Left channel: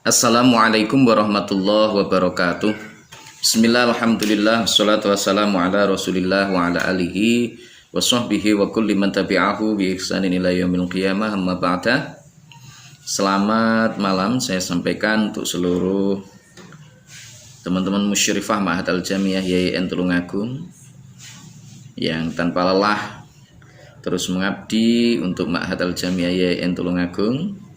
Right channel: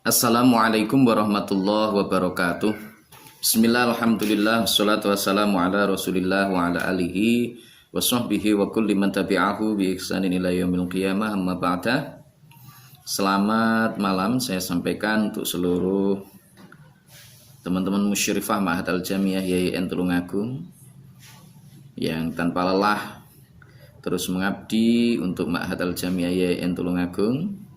Assalamualaikum warahmatullahi wabarakatuh. Bismillah, alhamdulillah, wassalatu wassalamu ala rasulillah wa ala alihi wa sahbihi wa kulli man tabi'ahu bi ihsanin ila yaumil qiyamah, amma ba'da. Selamat malam saya sampaikan untuk seluruh teman-teman musyrifah Ma'had Al-Jamiah YIN Tulungagung yang tanpa lelah terus mengabdi untuk Ma'had Al-Jamiah YIN Tulungagung,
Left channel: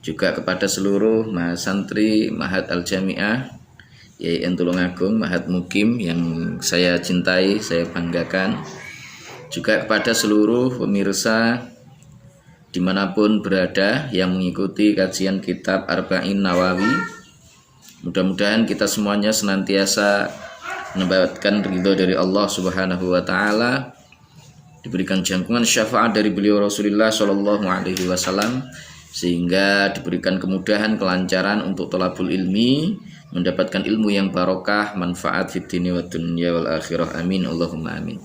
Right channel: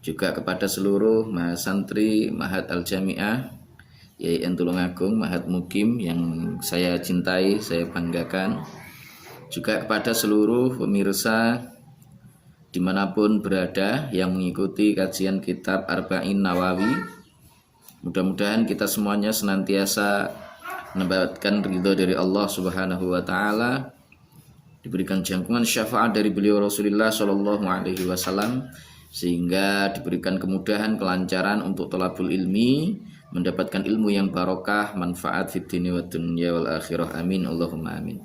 juga kepada seluruh mahasantri Ma'had Al-Jamiah YIN Tulungagung, Ma'had Mukim yang saya cintai, saya banggakan, juga kepada seluruh pemirsa dimanapun berada yang mengikuti kajian kitab Arba'in Nawawi. Mudah-mudahan kita semuanya senantiasa mendapatkan ridho dari Allah Subhanahu wa Ta'ala, diberikan jangkungan syafaat dari beliau Rasulullah Shallallahu Alaihi Wasallam, sehingga diberikan kemudahan, kelancaran untuk thalabul ilmi, mendapatkan ilmu yang barokah, manfaat fid dini wa dunya wal akhirah. Amin Allahumma amin.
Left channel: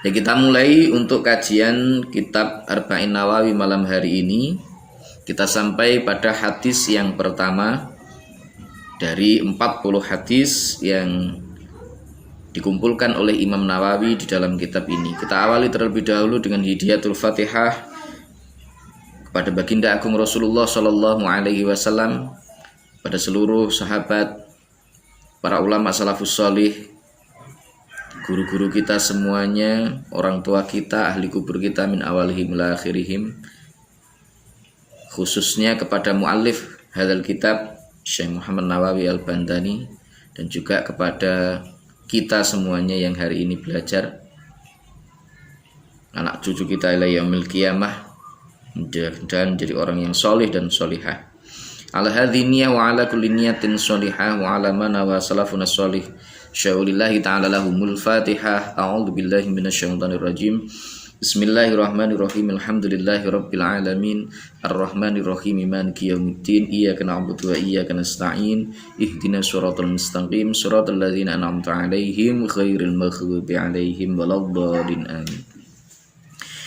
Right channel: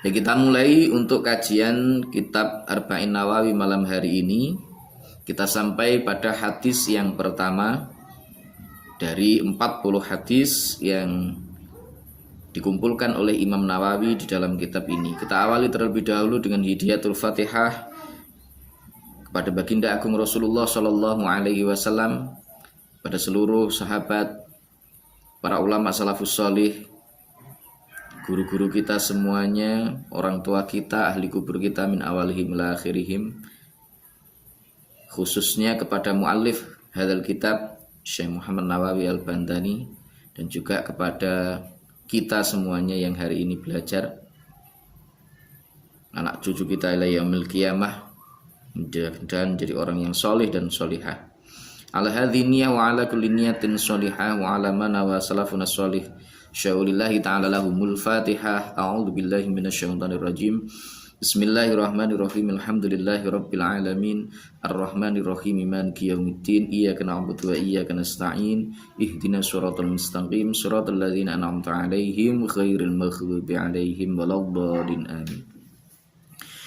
Ya, kita mulai untuk kajian kitab Arba'in Nawawi malam hari ini. Kita sampai pada hadis yang pertama dari 40 hadis yang dikumpulkan oleh Imam Nawawi di dalam kitab ini. Kita awali terlebih dahulu dengan hidayatul Fatihah pada baginda agung Rasulullah Shallallahu Alaihi Wasallam, pada seluruh sahabat, para ulama salafus sholih, guru-guru kita semuanya, orang tua kita, ahli kubur kita, min awalihim ila akhirihim, khususnya kepada muallif hadzal kitab Syekh Muhammad Nawawi Al-Bandani, dan juga kepada kita semuanya yang hari ini belajar, anak cucu kita ila yaumil qiyamah, dan jadi orang yang solih dan solihah. Ala hadhiniyah wa ala kulli niyatin solihah wa ala mana wa salafuna solih. Syaulillahi ta'ala lahumul fatihah. A'udhu billahi minasyaitanir rajim. Bismillahirrahmanirrahim. Alhamdulillahi rabbil alamin. Ar-rahmanirrahim. Maliki yaumiddin. Iyyaka na'budu wa iyyaka nasta'in. Ihdinas siratal mustaqim. Siratal ladzina an'amta 'alaihim ghairil maghdubi 'alaihim waladdallin. Amin.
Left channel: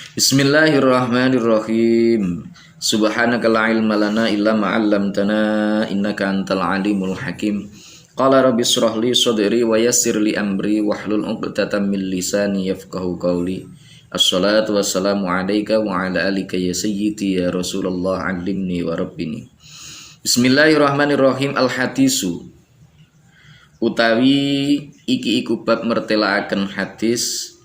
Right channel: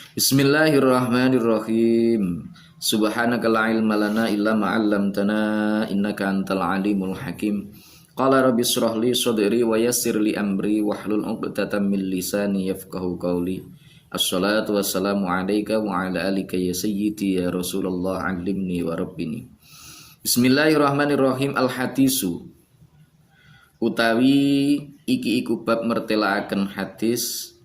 Bismillahirrahmanirrahim. Subhanaka la ilma lana illa ma 'allamtana innaka antal alimul hakim. Qala rabbi shrah li sadri wa yassir li amri wahlul 'uqdatam min lisani yafqahu qawli. Assalatu wassalamu alayka wa ala alika ya sayyidi ya Rasulullah, 'allimni wa rabbini. Bismillahirrahmanirrahim. Al-hadisu utawi iki iku bab mertelaaken hadis.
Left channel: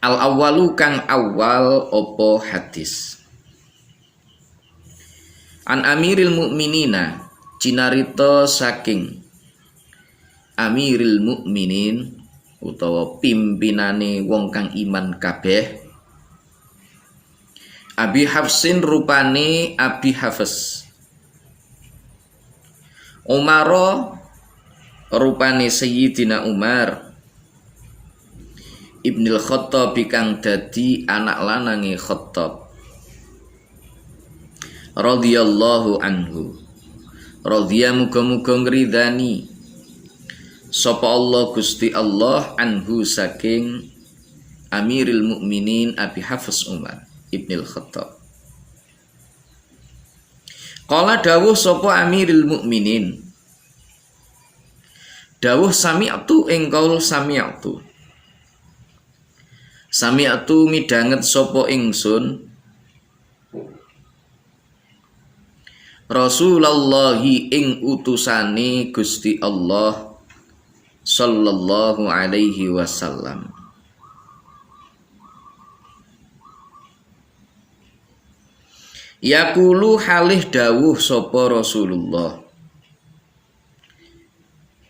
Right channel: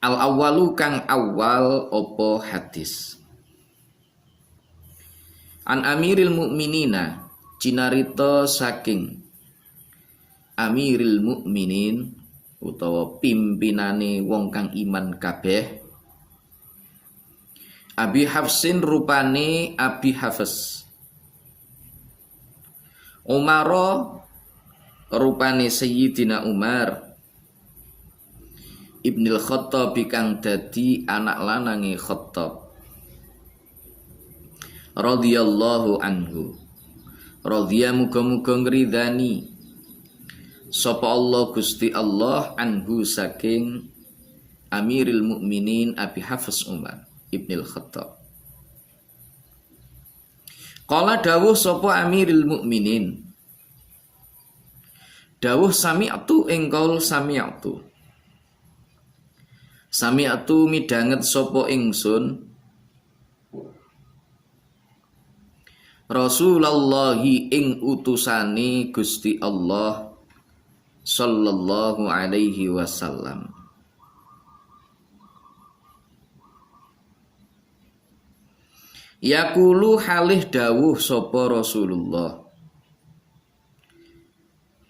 Al-awwalu kang awal opo hadis. An Amiril Mukminina, cinarito saking Amiril Mukminin utawa pimpinane wong kang iman kabeh, Abi Hafsin rupane Abi Hafs, Umaro rupane Sayyidina Umar, Ibnul Khattab kang dadi anak lanange Khattab, radhiyallahu anhu, radhiya muga-muga ngridani sapa Allah Gusti Allah anhu saking Amiril Mukminin Abi Hafs Umar Ibnul Khattab. Qala dawuh sapa Amiril Mukminin, dawuh sami'tu ing qaul sami'tu. Sami'tu midanget sapa ingsun Rasulullahi ing utusane Gusti Allah sallallahu alaihi wasallam. Yaqulu halih dawuh sapa Rasulullah,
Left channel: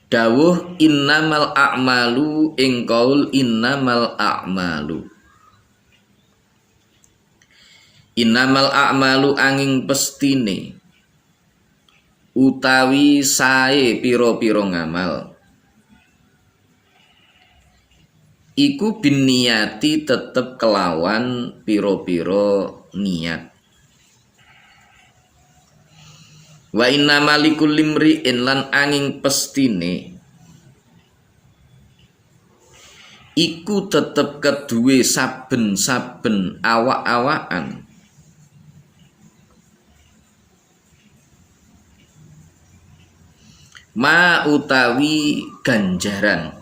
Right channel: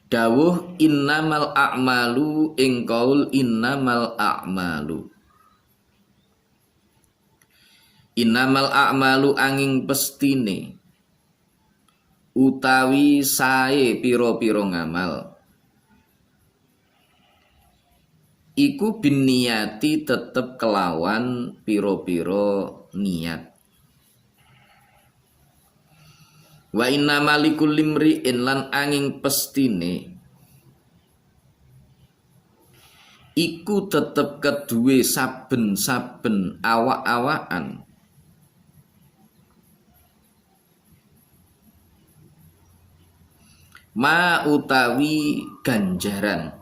dawuh innamal a'malu ing qaul innamal a'malu. Innamal a'malu angin pestine utawi sae piro-piro ngamal iku binniyati tetep kelawan piro-piro niat. Wa innamal likulli imri'in lan angin pestine iku tetep keduwe saben-saben awak-awakan ma utawi ganjaran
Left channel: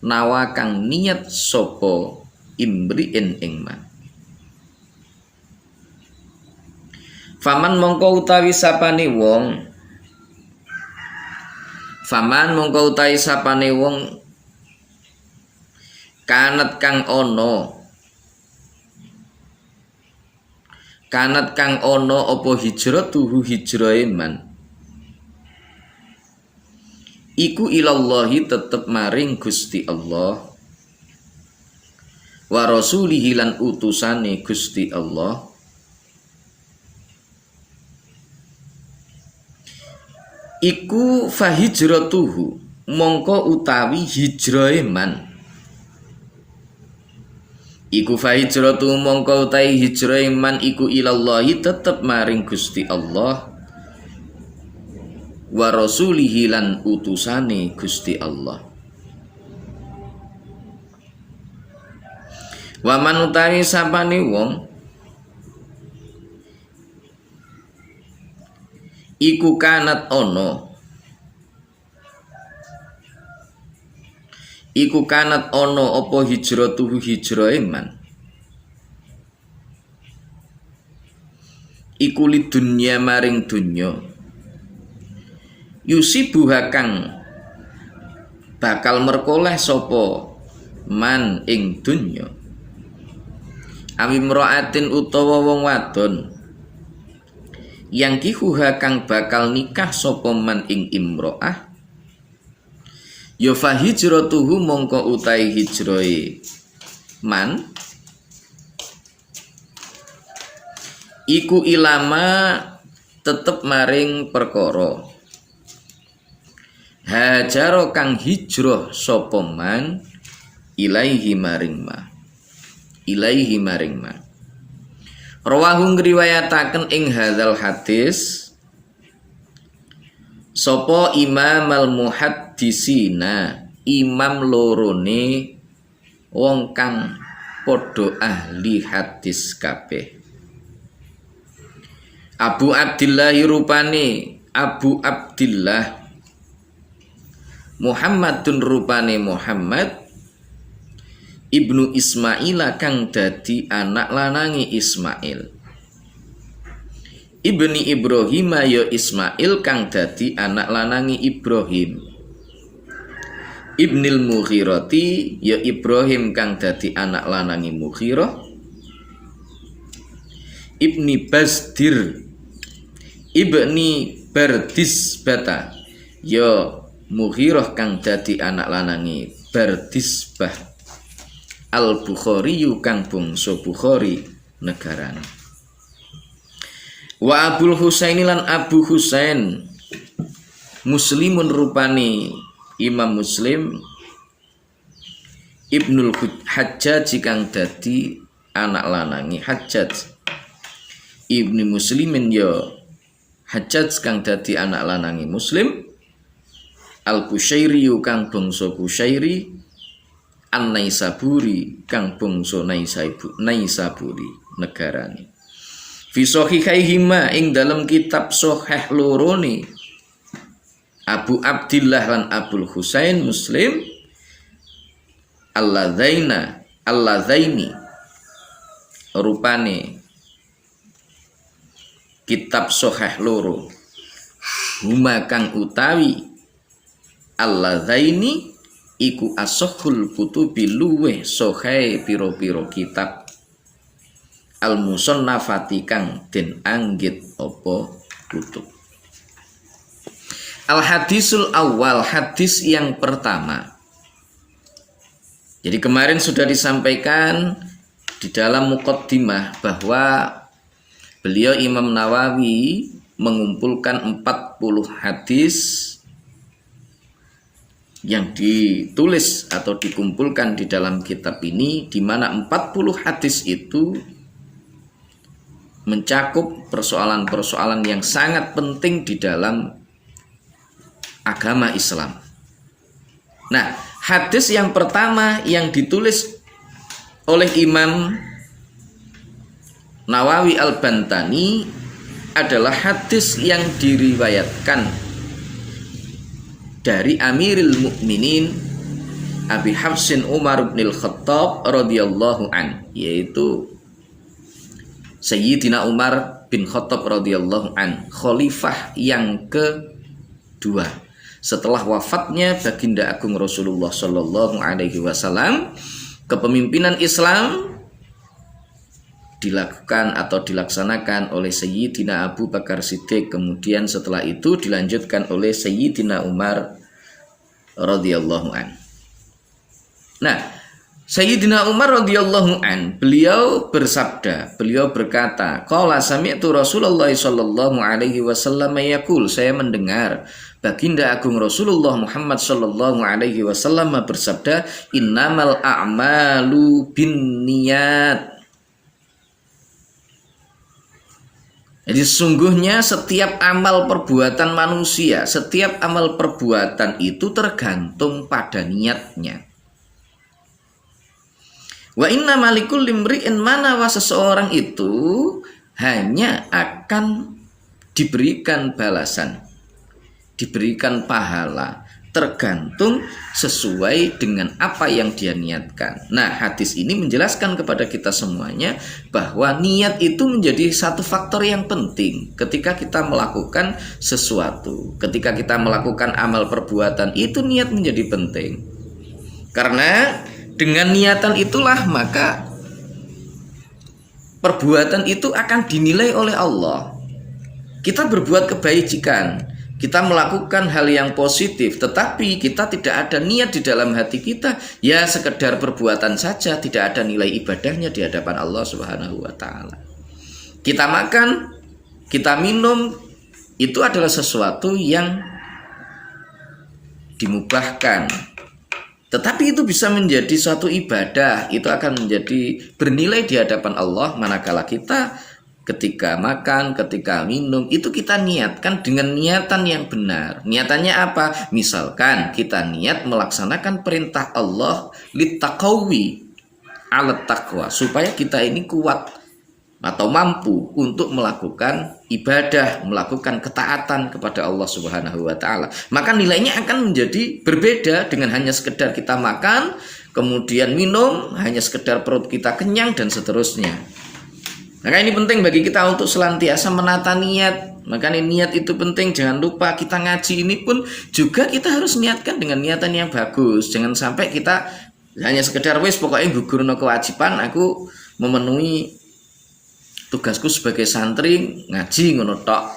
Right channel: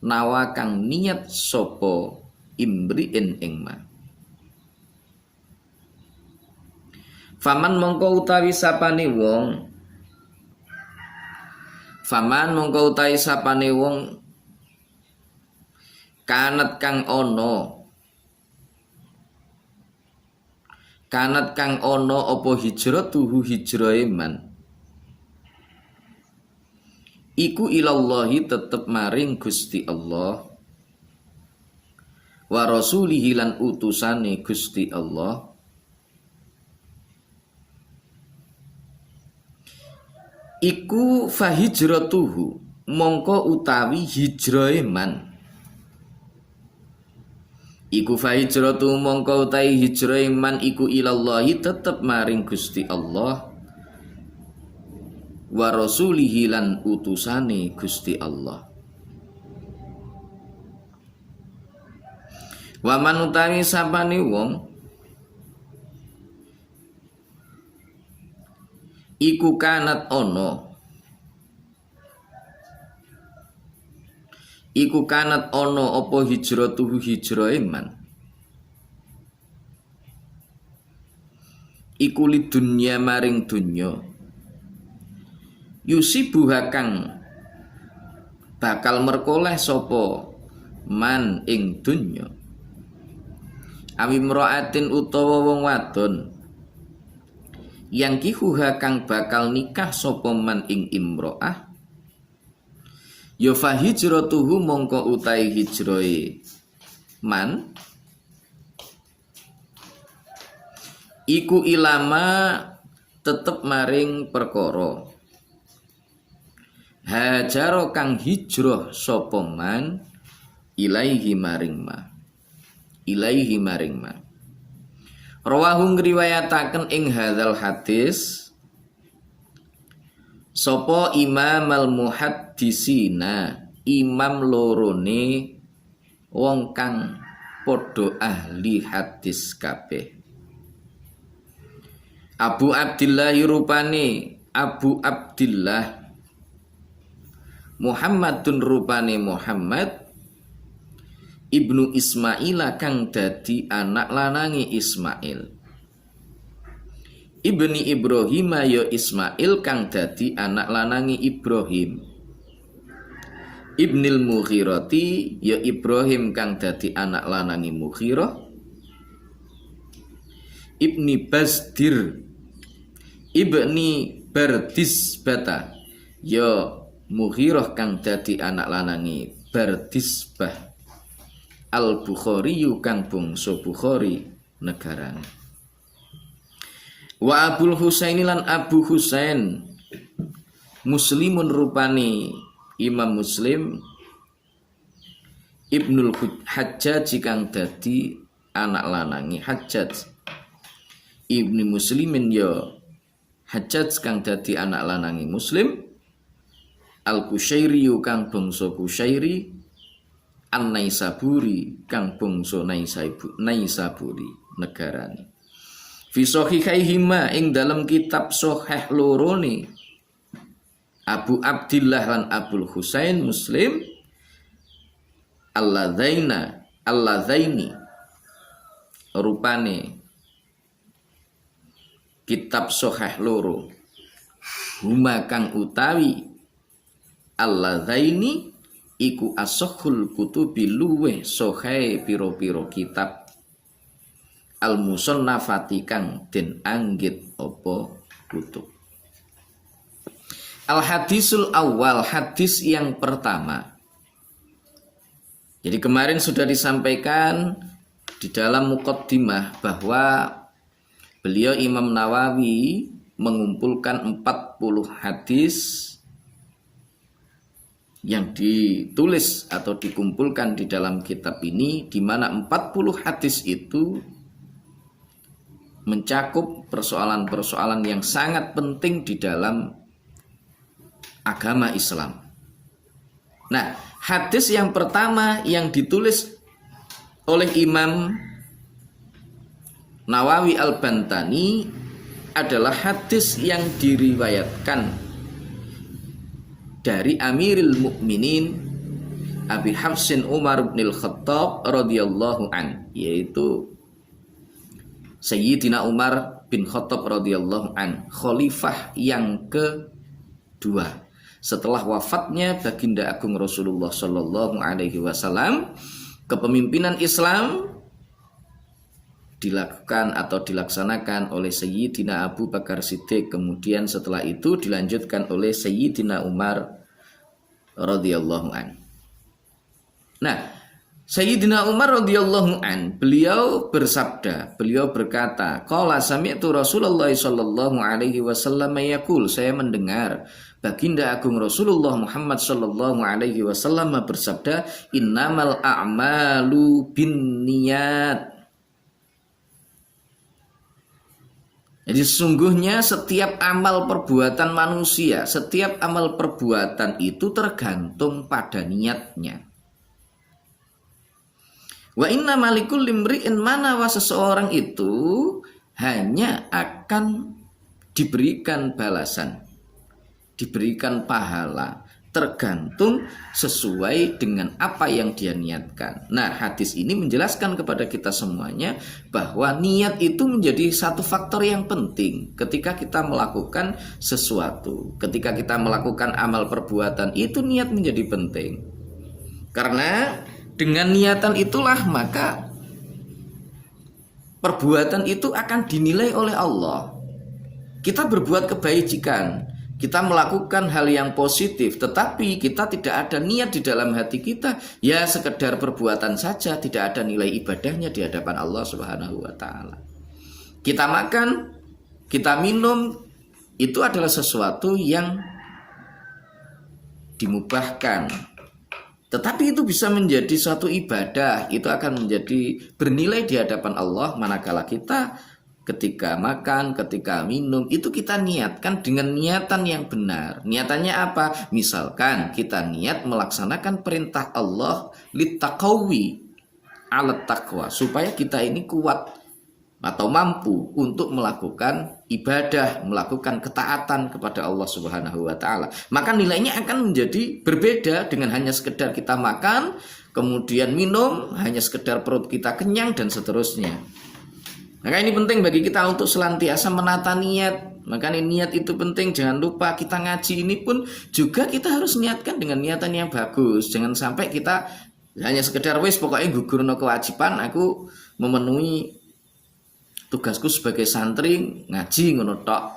nawa kang niat sapa imri'in ing man. Faman mongko utawi sapane wong kanat kang ono apa hijratuhu hijrahe man iku ilallahi tetep maring Gusti Allah wa rasulihi lan utusane Gusti Allah iku fahijratuhu mongko utawi hijrahe man iku fahijratuhu mongko utawi hijrahe man iku ilallahi tetep maring Gusti Allah wa rasulihi lan utusane Gusti Allah. Wa man utawi sapane wong iku kanat ono apa hijratuhu hijrahe man iku lidunya maring dunya yusibuha kang bakal merkoleh sapa man ing dunya awi mraatin utawa wong wadon yang kihuha kang bakal nikah sapa man ing imro'ah ya fa hijratuhu mongko utai hijrahe man iku ilama tetep maring perkara hajaro kang hijrah sapa man ilaihi maring ma rawahu ngriwayataken ing hadzal hadis sapa imam al muhaddisina imam lorone wong kang padha ahli hadis kabeh Abu Abdillah rupane Abu Abdillah Muhammadun rupane Muhammad Ibnu Ismail kang dadi anak lanangi Ismail Ibni Ibrahim ya Ismail kang dadi anak lanangi Ibrahim Ibnil Mughirati ya Ibrahim kang dadi anak lanangi Mughirah Ibni Basdir Ibni Bardisbata ya Mughirah kang dadi anak lanangi Bardisbah Al-Bukhari kang bangsa Bukhari negarane wa Abul Husaini lan Abu Husain Muslimun rupani Imam Muslim Ibnul Hajjaj kang dadi anak lanangi Hajjaj Ibni Muslimin ya Hajjaj kang dadi anak lanangi Muslim Al-Qushairi kang bangsa Qushairi An-Naisaburi kang bangsa Naisaburi negarane fi sahihaihima ing dalam kitab sahih lorone Abu Abdillah lan Abul Husain Muslim Alladzaini rupane kitab sahih loro huma kang utawi Alladzaini iku asahhul kutubi luweh sahih pira-pira kitab al-musannafati kang den anggit apa kutub. Al-hadisul awal, hadis yang pertama. Jadi kemarin sudah disampaikan di dalam muqaddimah bahwa beliau Imam Nawawi mengumpulkan 40 hadis yang ditulis atau dikumpulkan di dalam kitab ini, di mana 40 hadis itu mencakup persoalan-persoalan yang sangat penting di dalam agama Islam. Nah, hadis yang pertama yang ditulis oleh Imam Nawawi Al-Bantani adalah hadis yang diriwayatkan dari Amirul Mukminin Abi Hafsin Umar bin Khattab radhiyallahu an, yaitu Sayyidina Umar bin Khattab radhiyallahu an, khalifah yang kedua setelah wafatnya baginda agung Rasulullah sallallahu alaihi wasallam. Kepemimpinan Islam dilakukan atau dilaksanakan oleh Sayyidina Abu Bakar Siddiq, kemudian setelah itu dilanjutkan oleh Sayyidina Umar radhiyallahu an. Nah, Sayyidina Umar radhiyallahu an, beliau bersabda, beliau berkata, qala sami'tu Rasulullah sallallahu alaihi wasallam yaqul, saya mendengar baginda agung Rasulullah Muhammad sallallahu alaihi wasallam bersabda, innamal a'malu binniyat. Jadi sesungguhnya setiap amal perbuatan manusia, setiap amal perbuatan itu tergantung pada niatnya. Wa inna malikul limri'in, manawa seseorang itu hanya akan diberikan balasan, diberikan pahala, tergantung sesuai dengan apa yang dia niatkan. Nah, hadis ini menjelaskan kepada kita semuanya bahwa niat itu menjadi satu faktor yang penting ketika kita melakukan sesuatu. Ketika kita melakukan amal perbuatan, itu niat menjadi penting. Karena dengan niatan itulah maka perbuatan itu akan dinilai oleh Allah. Kita berbuat kebajikan, kita melakukan hal yang positif, tetapi kita tidak ada niat di dalam hati kita, ya sekedar perbuatan saja, tidak ada nilai ibadahnya di hadapan Allah Subhanahu wa taala. Kita makan, kita minum, itu adalah sesuatu yang dimubahkan. Tetapi itu bisa menjadi suatu ibadah, itu akan menjadi bernilai di hadapan Allah manakala kita ketika makan, ketika minum, itu kita niatkan dengan niatan yang benar. Niatannya apa? Misalkan kita niat melaksanakan perintah Allah litaqawi alat taqwa, supaya kita ini kuat atau mampu untuk melakukan ibadah, melakukan ketaatan kepada Allah Subhanahu wa taala. Maka nilainya akan menjadi berbeda dengan hanya sekedar kita makan, kemudian minum, hanya sekedar perut kita kenyang dan seterusnya. Maka ini penting bagi kita untuk senantiasa menata niat. Maka niat itu penting. Jangan lupa kita ngaji ini pun juga kita harus niatkan dengan niatan yang bagus. Jangan sampai kita hanya sekedar wis pokoknya gugurno kewajiban, aku memenuhi tugasku sebagai santri ngaji ngono tok,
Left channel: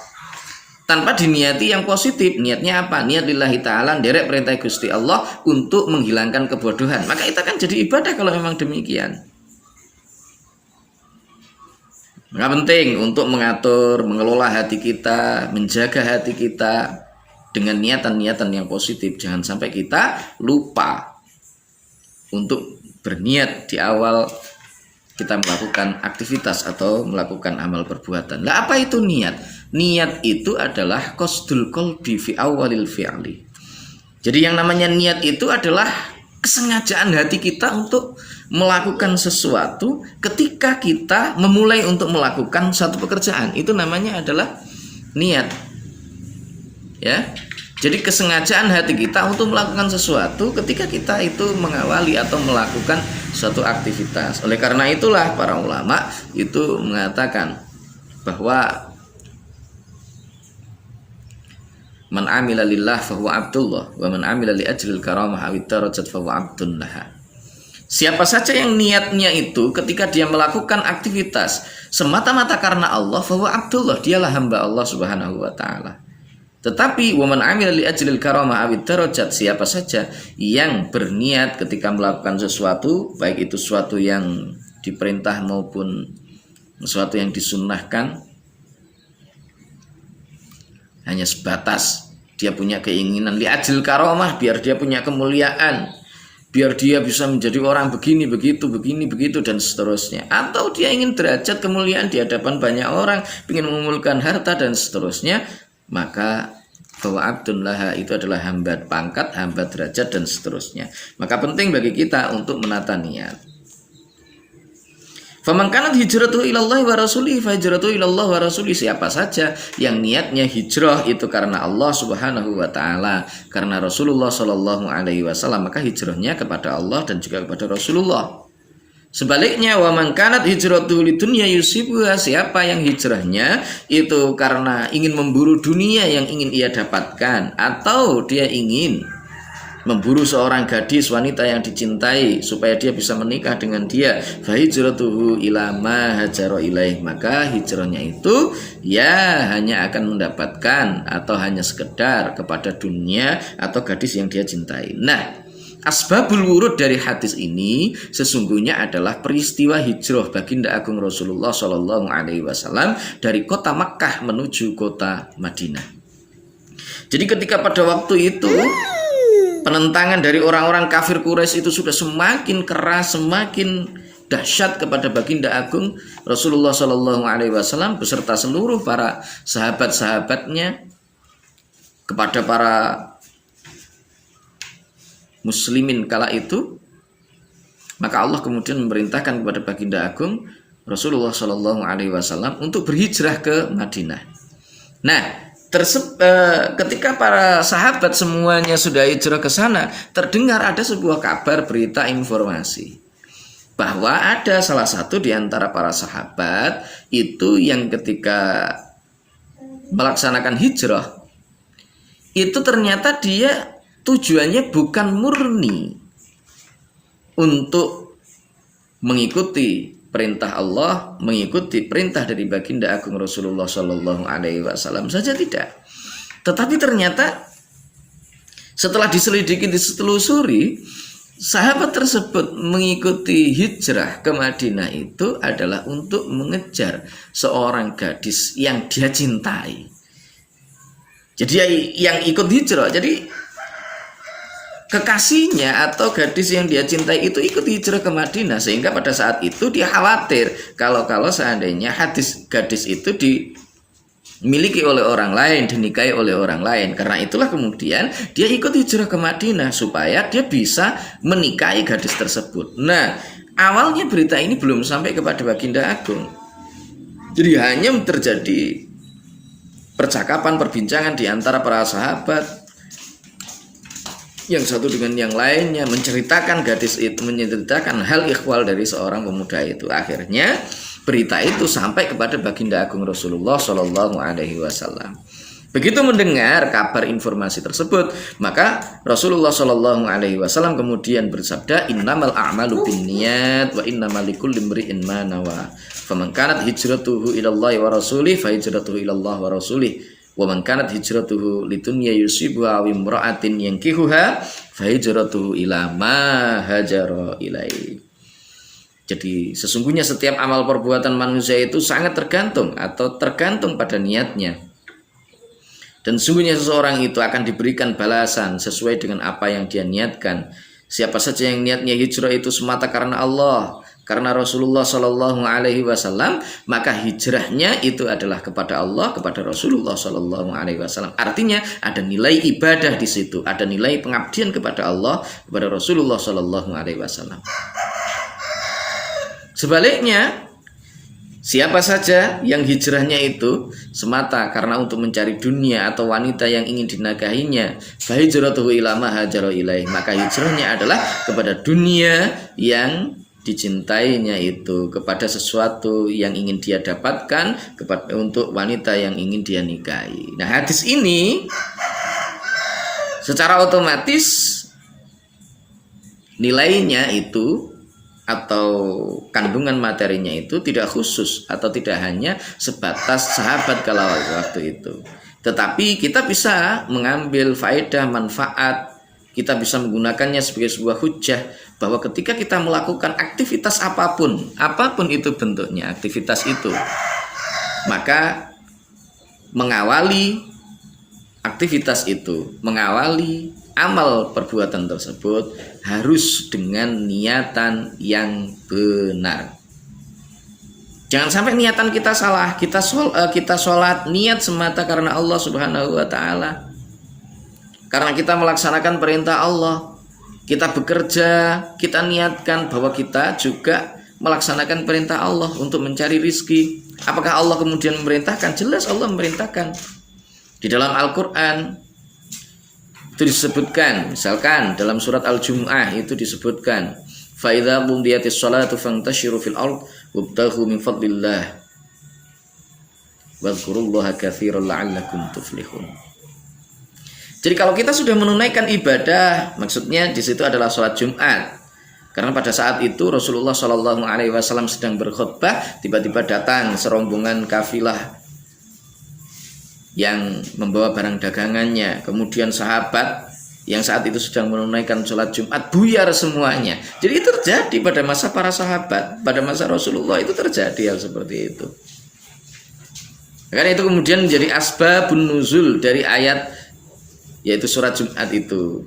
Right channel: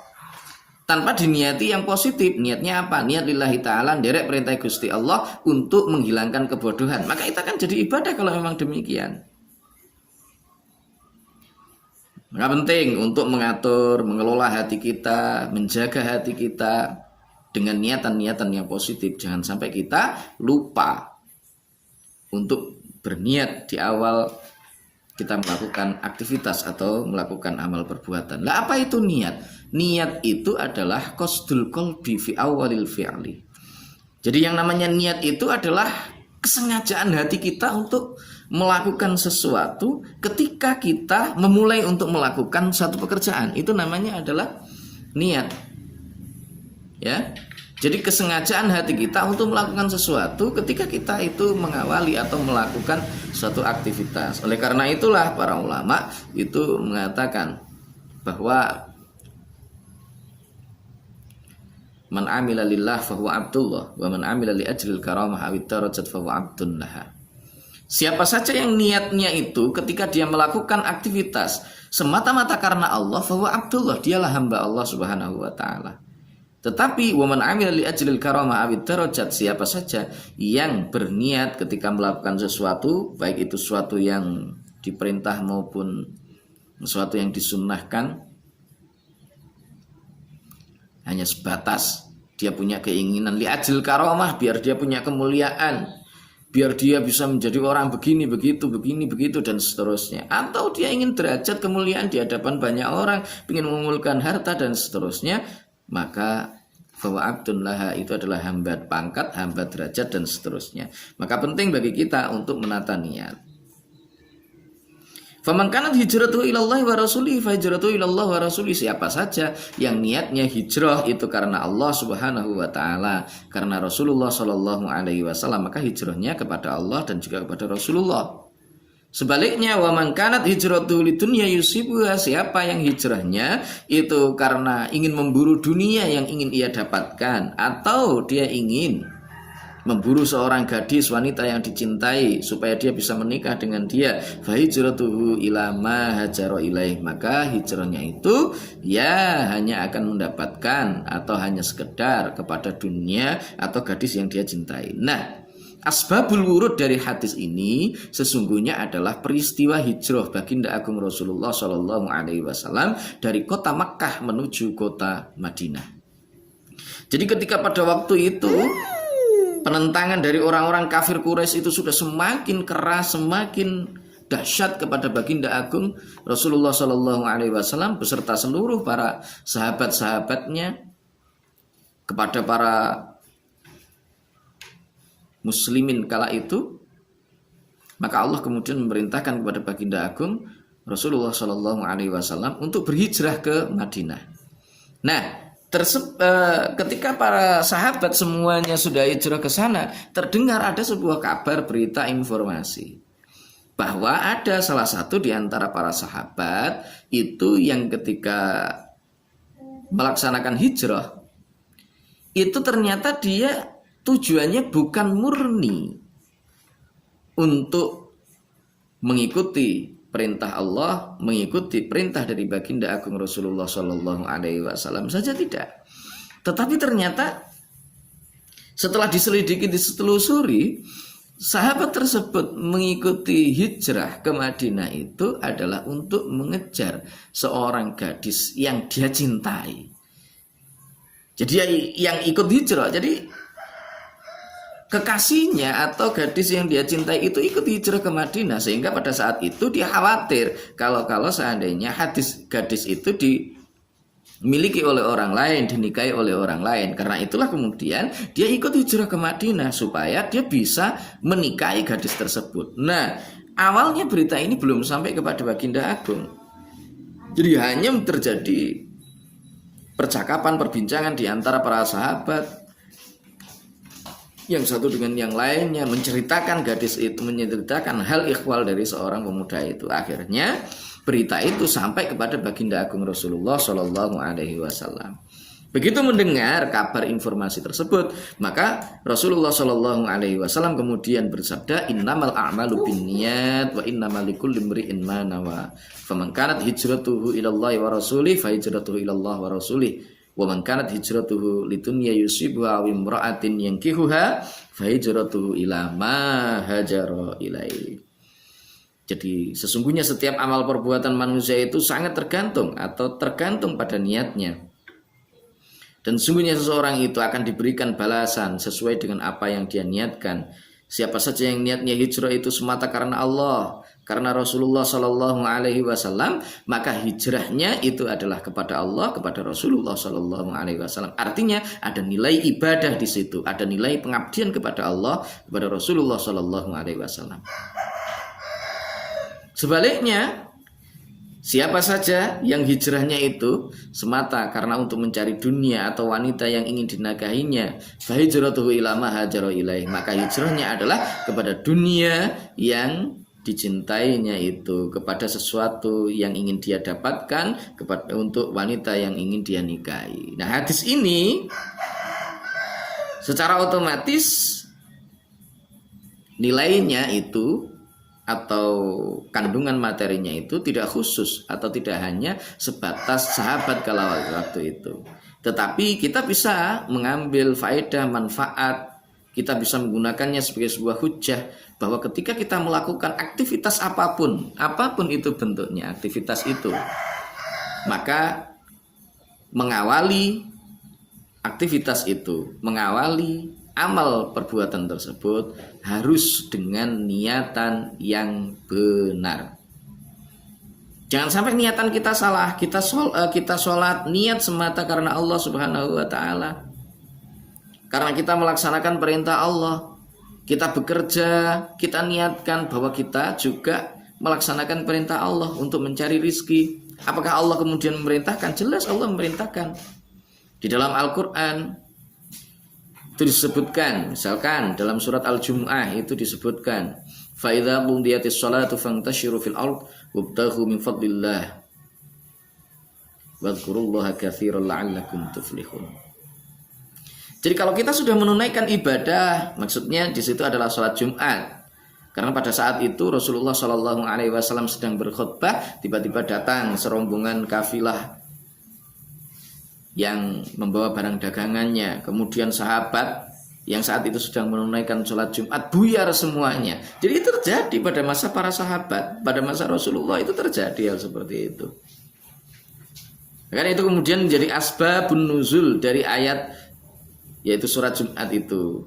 tanpa diniati yang positif. Niatnya apa? Niat lillahi ta'ala, derek perintah Gusti Allah untuk menghilangkan kebodohan. Maka itu akan jadi ibadah kalau memang demikian. Maka penting untuk mengatur, mengelola hati kita, menjaga hati kita dengan niatan-niatan yang positif. Jangan sampai kita lupa untuk berniat di awal kita melakukan aktivitas atau melakukan amal perbuatan. Lah apa itu niat? Niat itu adalah qasdul qalbi fi awalil fi'li. Jadi yang namanya niat itu adalah kesengajaan hati kita untuk melakukan sesuatu ketika kita memulai untuk melakukan satu pekerjaan. Itu namanya adalah niat. Ya. Jadi kesengajaan hati kita untuk melakukan sesuatu ketika kita itu mengawali atau melakukan suatu aktivitas. Oleh karena itulah para ulama itu mengatakan bahwa man amila lillah fahuwa abdullah wa man amila li ajlil karamah awid darajat fahuwa abdun laha. Siapa saja yang niatnya itu ketika dia melakukan aktivitas semata-mata karena Allah, fahuwa abdullah, dialah hamba Allah Subhanahu wa taala. Tetapi waman amila li ajlil karamah awid darajat, siapa saja yang berniat ketika melakukan sesuatu, baik itu sesuatu yang diperintah maupun sesuatu yang disunnahkan, hanya sebatas dia punya keinginan li ajlil karamah, biar dia punya kemuliaan, biar dia bisa menjadi orang begini begitu dan seterusnya, atau dia ingin derajat kemuliaan di hadapan banyak orang, ingin mengumpulkan harta dan seterusnya, maka bahwa abdun laha itu adalah hamba pangkat, hamba derajat dan seterusnya. Maka penting bagi kita untuk menata niat. Faman kanat hijratuhu ilallahi wa rasulih fa hijratuhu ilallah wa rasulih. Siapa saja yang niatnya hijrah itu karena Allah Subhanahu wa taala, karena Rasulullah sallallahu alaihi wasallam, maka hijrahnya kepada Allah dan juga kepada Rasulullah. Sebaliknya, wa man kanat hijratuhu lidunya yusibuha, siapa yang hijrahnya itu karena ingin memburu dunia yang ingin ia dapatkan, atau dia ingin memburu seorang gadis wanita yang dicintai supaya dia bisa menikah dengan dia, fa hijratuhu ila ma hajara ilaih, maka hijrahnya itu ya hanya akan mendapatkan atau hanya sekedar kepada dunia atau gadis yang dia cintai. Nah, asbabul wurud dari hadis ini sesungguhnya adalah peristiwa hijrah baginda agung Rasulullah Shallallahu Alaihi Wasallam dari kota Makkah menuju kota Madinah. Jadi ketika pada waktu itu penentangan dari orang-orang kafir Quraisy itu sudah semakin keras, semakin dahsyat kepada baginda agung Rasulullah Shallallahu Alaihi Wasallam beserta seluruh para sahabat-sahabatnya, kepada para muslimin kala itu, maka Allah kemudian memerintahkan kepada baginda agung Rasulullah Shallallahu Alaihi Wasallam untuk berhijrah ke Madinah. Nah, ketika para sahabat semuanya sudah hijrah ke sana, terdengar ada sebuah kabar, berita, informasi bahwa ada salah satu di antara para sahabat itu yang ketika melaksanakan hijrah itu ternyata dia tujuannya bukan murni untuk mengikuti perintah Allah, mengikuti perintah dari baginda agung Rasulullah Shallallahu Alaihi Wasallam saja, tidak. Tetapi ternyata setelah diselidiki, ditelusuri, sahabat tersebut mengikuti hijrah ke Madinah itu adalah untuk mengejar seorang gadis yang dia cintai. Jadi yang ikut hijrah, jadi kekasihnya atau gadis yang dia cintai itu ikut hijrah ke Madinah, sehingga pada saat itu dia khawatir kalau seandainya gadis itu dimiliki oleh orang lain, dinikahi oleh orang lain. Karena itulah kemudian dia ikut hijrah ke Madinah supaya dia bisa menikahi gadis tersebut. Nah, awalnya berita ini belum sampai kepada baginda agung, jadi hanya terjadi percakapan, perbincangan di antara para sahabat, yang satu dengan yang lainnya menceritakan gadis itu, menceritakan hal ikhwal dari seorang pemuda itu. Akhirnya berita itu sampai kepada baginda agung Rasulullah Shallallahu Alaihi Wasallam. Begitu mendengar kabar informasi tersebut, maka Rasulullah Shallallahu Alaihi Wasallam kemudian bersabda, innamal a'malu binniyat wa innamal likulli imri'in ma nawa. Faman kanat hijratuhu ilallahi wa rasulih fa hijratuhu ilallah wa rasulih. Wa man kanat hijratuhu lidunya yusibuha aw imra'atin yankihuha fa hijratuhu ila ma hajara ilaihi. Jadi sesungguhnya setiap amal perbuatan manusia itu sangat tergantung pada niatnya. Dan sesungguhnya seseorang itu akan diberikan balasan sesuai dengan apa yang dia niatkan. Siapa saja yang niatnya hijrah itu semata karena Allah, karena Rasulullah Shallallahu Alaihi Wasallam, maka hijrahnya itu adalah kepada Allah, kepada Rasulullah Shallallahu Alaihi Wasallam. Artinya ada nilai ibadah di situ, ada nilai pengabdian kepada Allah, kepada Rasulullah Shallallahu Alaihi Wasallam. Sebaliknya, siapa saja yang hijrahnya itu semata karena untuk mencari dunia atau wanita yang ingin dinikahinya, fa hijratuhu ila ma hajara ilaih, maka hijrahnya adalah kepada dunia yang dicintainya itu, kepada sesuatu yang ingin dia dapatkan, untuk wanita yang ingin dia nikahi. Nah, hadis ini secara otomatis nilainya itu atau kandungan materinya itu tidak khusus atau tidak hanya sebatas sahabat kala waktu itu, tetapi kita bisa mengambil faedah, manfaat, kita bisa menggunakannya sebagai sebuah hujah bahwa ketika kita melakukan aktivitas apapun itu bentuknya aktivitas itu, maka mengawali aktivitas itu, mengawali amal perbuatan tersebut harus dengan niatan yang benar. Jangan sampai niatan kita salah. Kita sholat niat semata karena Allah Subhanahu wa taala, karena kita melaksanakan perintah Allah. Kita bekerja, kita niatkan bahwa kita juga melaksanakan perintah Allah untuk mencari rizki. Apakah Allah kemudian memerintahkan? Jelas Allah memerintahkan. Di dalam Al-Quran itu disebutkan, misalkan dalam surat Al-Jumu'ah itu disebutkan, فَإِذَا قُضِيَتِ الصَّلَاةُ فَانْتَشِرُوا فِي الْأَرْضِ وَابْتَغُوا مِنْ فَضْلِ اللَّهِ وَاذْكُرُوا اللَّهَ كَثِيرًا لَعَلَّكُمْ تُفْلِحُونَ. Jadi kalau kita sudah menunaikan ibadah, maksudnya di situ adalah sholat Jumat. Karena pada saat itu Rasulullah Shallallahu Alaihi Wasallam sedang berkhutbah, tiba-tiba datang serombongan kafilah yang membawa barang dagangannya. Kemudian sahabat yang saat itu sedang menunaikan sholat Jumat buyar semuanya. Jadi itu terjadi pada masa para sahabat, pada masa Rasulullah itu terjadi hal seperti itu. Karena itu kemudian menjadi asbabun nuzul dari ayat, yaitu surat Jumat itu.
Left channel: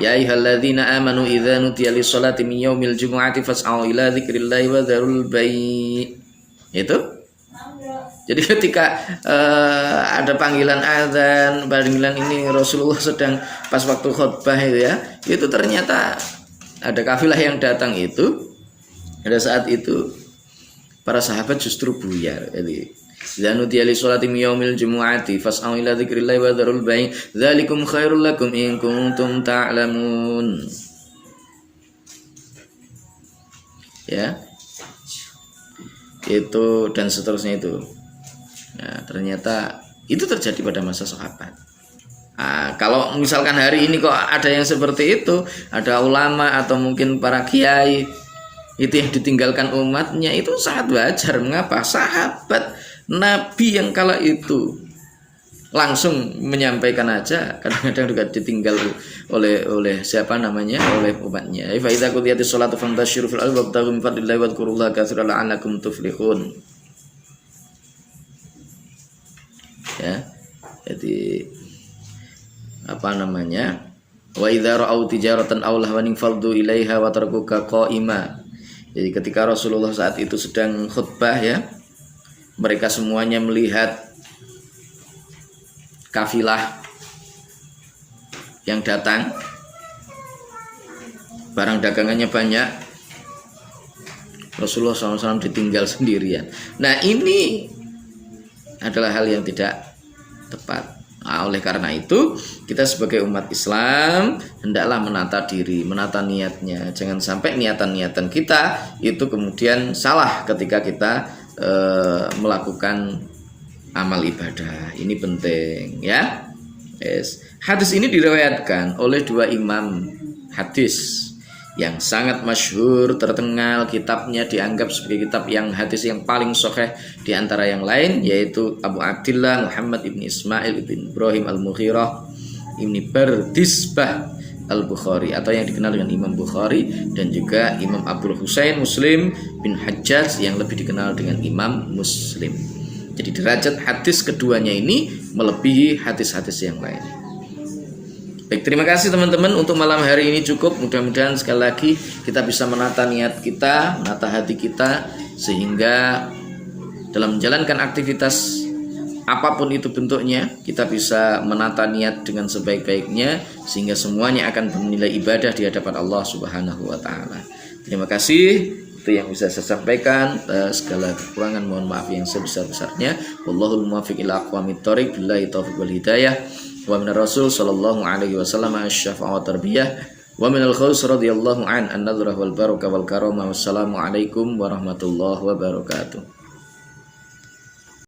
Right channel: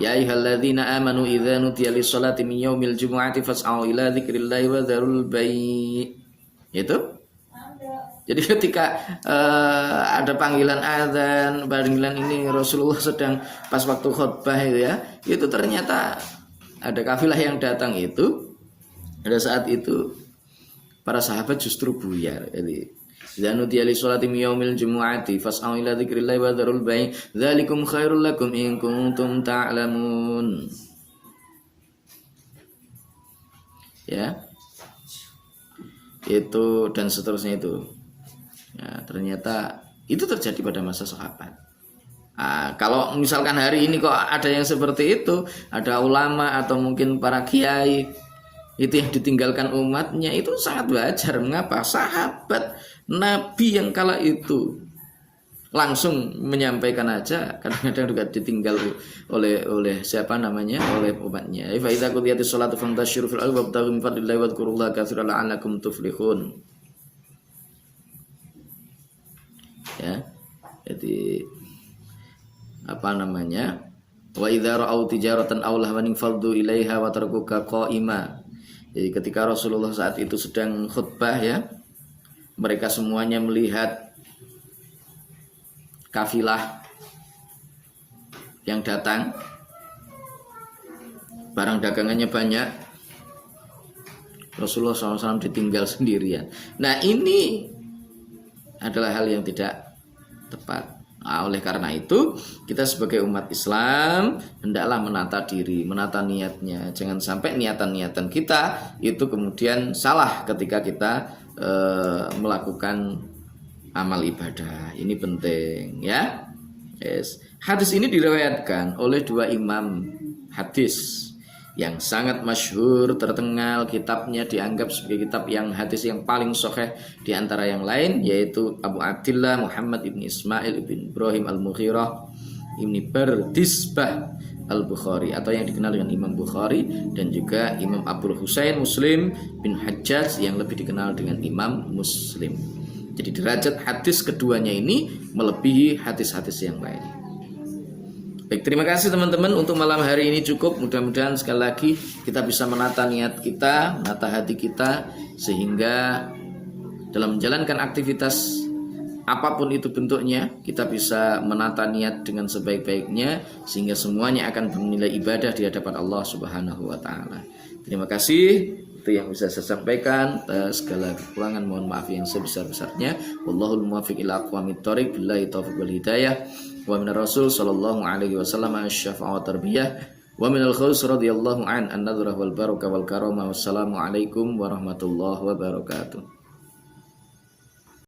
Ya ayyuhalladzina amanu idza nudiya lis-sholati min yaumil jumu'ati fas'au ila dzikrillahi wa dzarul bai'. Itu. Jadi ketika ada panggilan azan, panggilan ini Rasulullah sedang pas waktu khutbah itu ya, itu ternyata ada kafilah yang datang itu. Pada saat itu para sahabat justru buyar. Jadi idza nudiya lis-sholati min yaumil jumu'ati fas'au ila dzikrillahi wa dzarul bai' dzalikum khairul lakum in kuntum ta'lamun. Ya. Itu dan seterusnya itu. Nah, ternyata itu terjadi pada masa sahabat. Nah, kalau misalkan hari ini kok ada yang seperti itu, ada ulama atau mungkin para kiai itu yang ditinggalkan umatnya, itu sangat wajar. Mengapa? Sahabat Nabi yang kala itu langsung menyampaikan aja, kadang-kadang juga ditinggal oleh siapa namanya, oleh umatnya. Fa idza qudiyatis sholatu fantashiru fil ardi wabtaghu min fadlillahi wadhkurullaha katsiran la'allakum tuflihun. Ya. Jadi apa namanya? Wa idza ra'au tijaratan aw lahwan faddu ilaiha wa tarakuka qa'ima. Jadi ketika Rasulullah saat itu sedang khutbah ya, mereka semuanya melihat kafilah yang datang, barang dagangannya banyak, Rasulullah SAW ditinggal sendirian. Nah ini adalah hal yang tidak tepat. Nah, oleh karena itu kita sebagai umat Islam hendaklah menata diri, menata niatnya. Jangan sampai niatan-niatan kita itu kemudian salah ketika kita melakukan amal ibadah. Ini penting ya. Yes. Hadis ini diriwayatkan oleh dua imam hadis yang sangat masyhur, terkenal, kitabnya dianggap sebagai kitab yang hadis yang paling sahih di antara yang lain, yaitu Abu Abdillah Muhammad ibn Ismail ibn Ibrahim al-Mughirah ibn Bardisbah al-Bukhari, atau yang dikenal dengan Imam Bukhari, dan juga Imam Abdul Husain Muslim bin Hajjaj yang lebih dikenal dengan Imam Muslim. Jadi derajat hadis keduanya ini melebihi hadis-hadis yang lain. Baik, terima kasih teman-teman. Untuk malam hari ini cukup. Mudah-mudahan sekali lagi kita bisa menata niat kita, menata hati kita, sehingga dalam menjalankan aktivitas apapun itu bentuknya, kita bisa menata niat dengan sebaik-baiknya, sehingga semuanya akan bernilai ibadah di hadapan Allah Subhanahu wa taala. Terima kasih. Itu yang bisa saya sampaikan. Segala kekurangan mohon maaf yang sebesar-besarnya. Wallahul muwaffiq ila aqwamit thoriq. Billahi taufiq wal hidayah. Wa minar rasul sallallahu alaihi wasallam asy-syafa'ah wa tarbiyah. Wa minal khaus radhiyallahu an an-nadhrah wal barakah wal karamah. Wassalamu alaikum warahmatullahi wabarakatuh.